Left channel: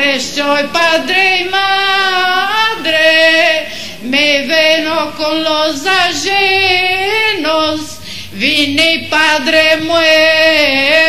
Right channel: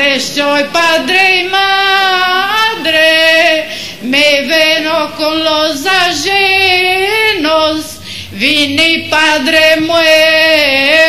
parte soy padre y madre, me veno con los ajenos, vine padre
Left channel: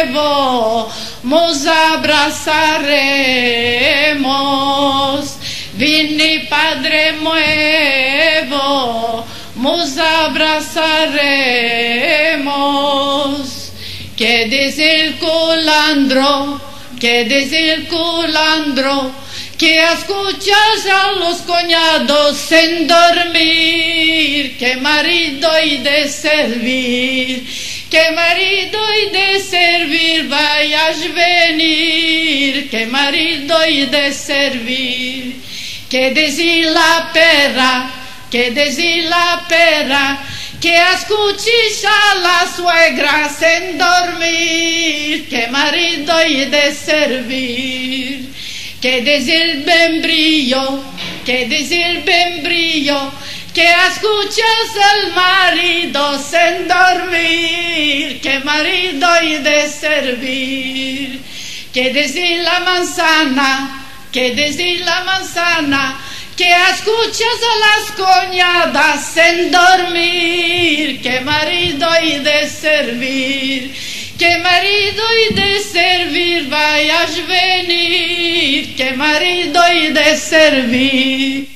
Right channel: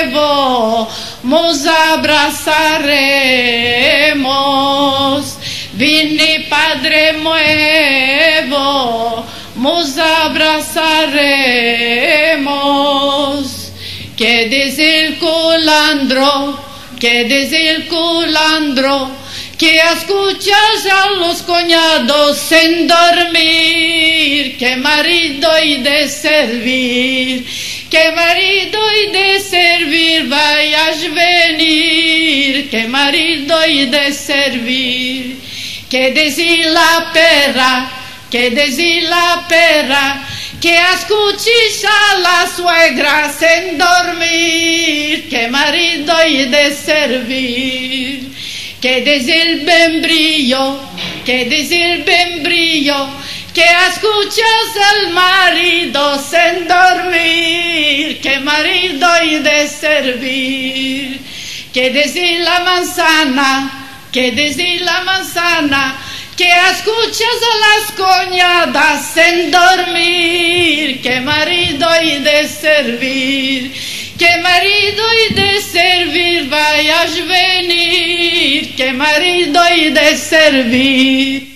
nuevo, nos abrazaremos. Vine padre nuevo, nos abrazaremos. Que dice el culandro, que dice el culandro, que escuchas a los cuñados sin dormir, que marido y de servir, que marido y de servir vayas venir, que marido y de servir. Que dice la perra, que dice la perra, que escuches a la suegra sin dormir, que marido y de servir. Que dice el membrillo, que dice el membrillo, que escuches al marido sin dormir, que marido y de servir. Que dice la manzana, que dice la manzana, que escuches a las cuñadas sin dormir, que marido y de servir, que marido y de servir vayas venir, que marido y de servir.